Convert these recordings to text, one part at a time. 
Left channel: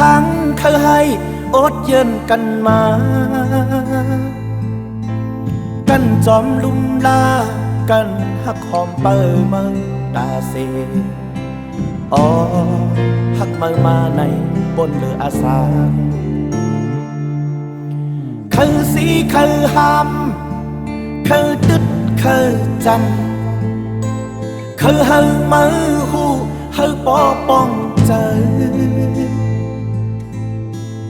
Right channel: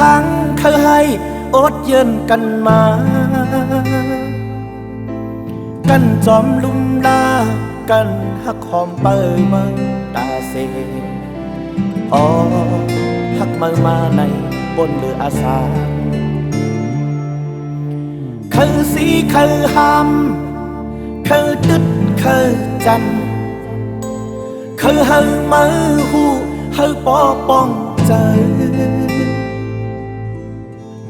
รั้งเคยให้อดเย็นกันมากันจอมลุ่มลากันหักหอมเปิดมือตาเสอ๋อหักมือมาในบนเรืออาสาคือสีคือหำคือตึดคือจันคือเฮามือหูเฮาปอป้องใจ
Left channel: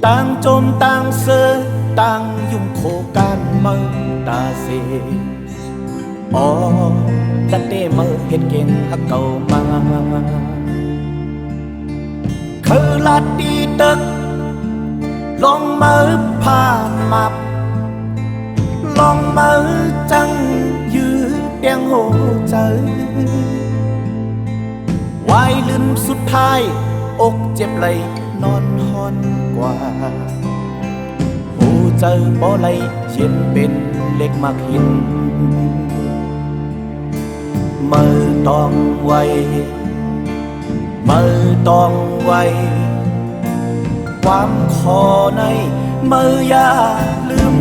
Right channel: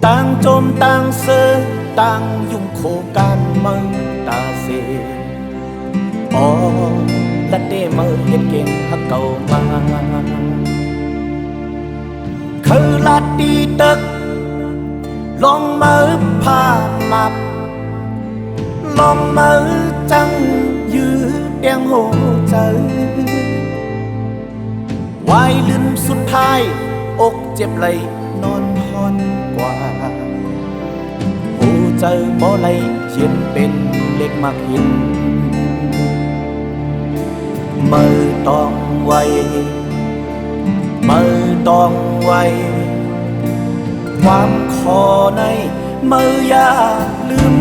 ต่างจมต่างเสือต่างยุ่งโคกันมือตาเสอ๋อและเด้มือเฮ็ดเก่งหักเก่ามาคือลาดดีตึกลองมือผ่านมับลองมือจังยืดเตียงโหใจวายลืมสุดท้ายอกเจ็บไหลนอนหอนกว่าหูเจอบ่ไหลเย็นเป็นเล็กมากหินมือต้องไวมือต้องไวความคอในมืออย่าลืม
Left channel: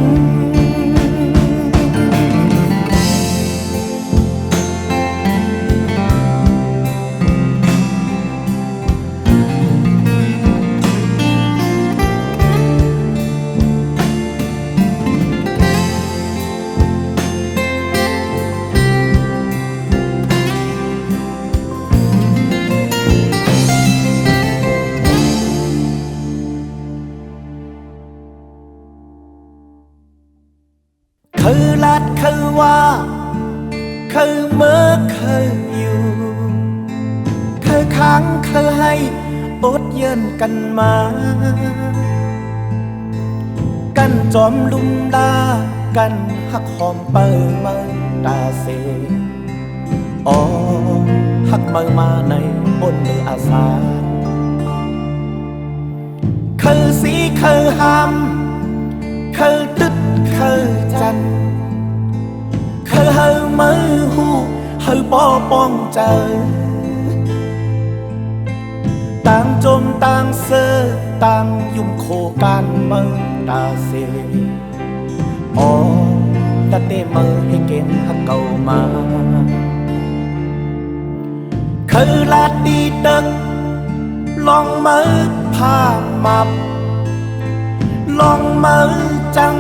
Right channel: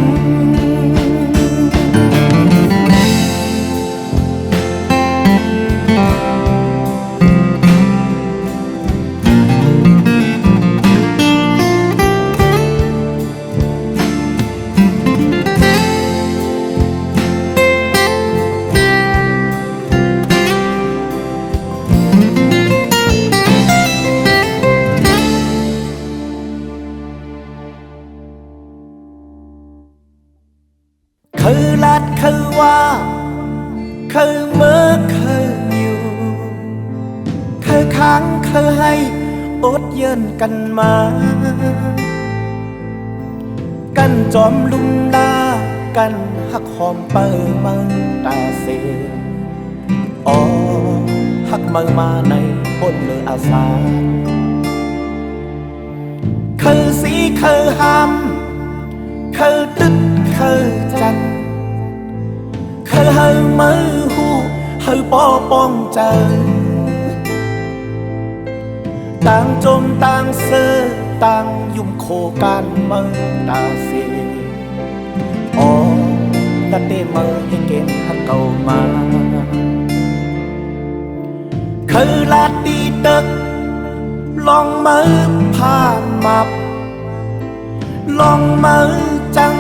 คือลัดคือว่าคือเมื่อคืออยู่คือค้างคือให้อดเยินกันมากันจอมลุ่มลากันหักหอมเปิดมือตาเสอ๋อหักมือมาในบนเรืออาสาคือสีคือหำคือตึดคือจันคือเฮามือหูเฮาปอป้องใจต่างจมต่างเสือต่างยุ่มโคกันมือตาเสอ๋อและเต้มือให้เก่งหักเก่ามาคือลาดดีตึกลองมือผ่านมับลองมือจัง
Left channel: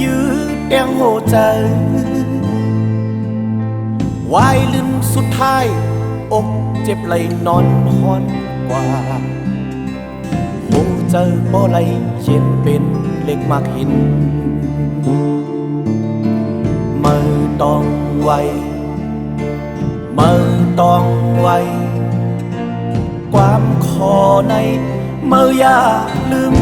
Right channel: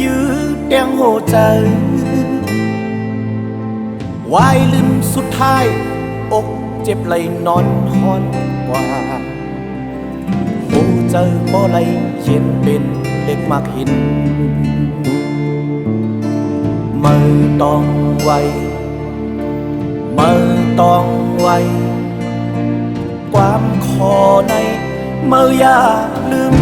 ยืดเตียงโหใจวายลืมสุดท้ายอกเจ็บไหลนอนหอนกว่าหูเจอบ่ไหลเย็นเป็นเล็กมากหินมือต้องไวมือต้องไวความคอในมืออย่าลืม